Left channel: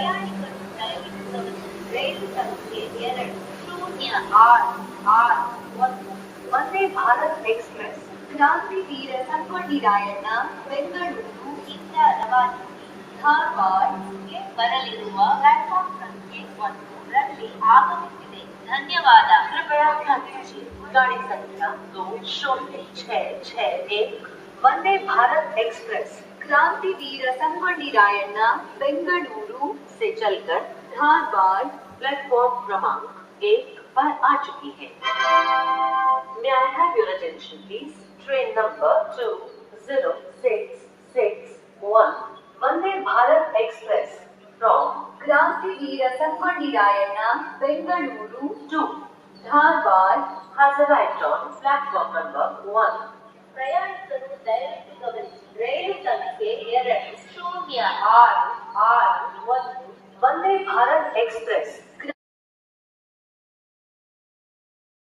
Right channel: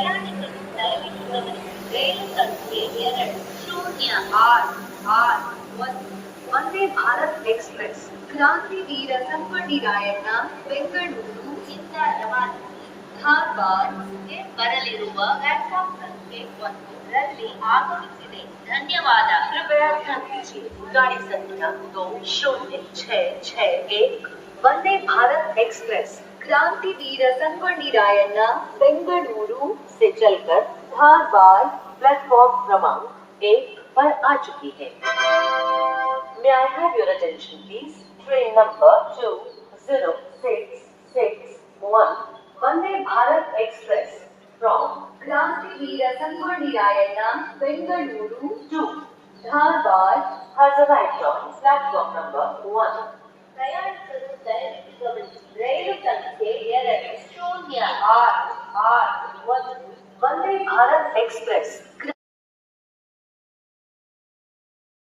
ಪ್ರಯಾಣಿಕರು ದಯವಿಟ್ಟು ಗಮನಿಸಿ. ರೈಲು ಸಂಖ್ಯೆ 2 ಶೂನ್ಯ 661 ವಂದೇ ಭಾರತ್ ಎಕ್ಸ್‌ಪ್ರೆಸ್ ಕ್ರಾಂತಿವೀರ ಸಂಗೊಳ್ಳಿ ರಾಯಣ್ಣ ಬೆಂಗಳೂರು ಇಂದ ರವಾನಗಿ ಧಾರವಾಡ್ಗೆ ಬರಲಿರುವ ಪ್ಲಾಟ್‌ಫಾರ್ಮ್ ಸಂಖ್ಯೆ 1 ರಲ್ಲಿ ಆಗಮಿಸಿದೆ. ಧನ್ಯವಾದ. कृपया ध्यान दीजिए गाड़ी संख्या 206661 वंदे भारत एक्सप्रेस क्रांतिवीर संगोल्ली रायण्ण बेंगलुरु से चलकर धारवाड़ प्लेटफॉर्म क्रमांक 1 पर आ चुकी है. May I have your attention please? Train number 20661 Vande Bharat Express from Krantiveer Sangolli Rayanna Bengaluru to Dharwad has arrived on platform number 1. ಪ್ರಯಾಣಿಕರು ದಯವಿಟ್ಟು ಗಮನಿಸಿ. ರೈಲು ಸಂಖ್ಯೆ 2 ಶೂನ್ಯ 661 ವಂದೇ ಭಾರತ್ ಎಕ್ಸ್‌ಪ್ರೆಸ್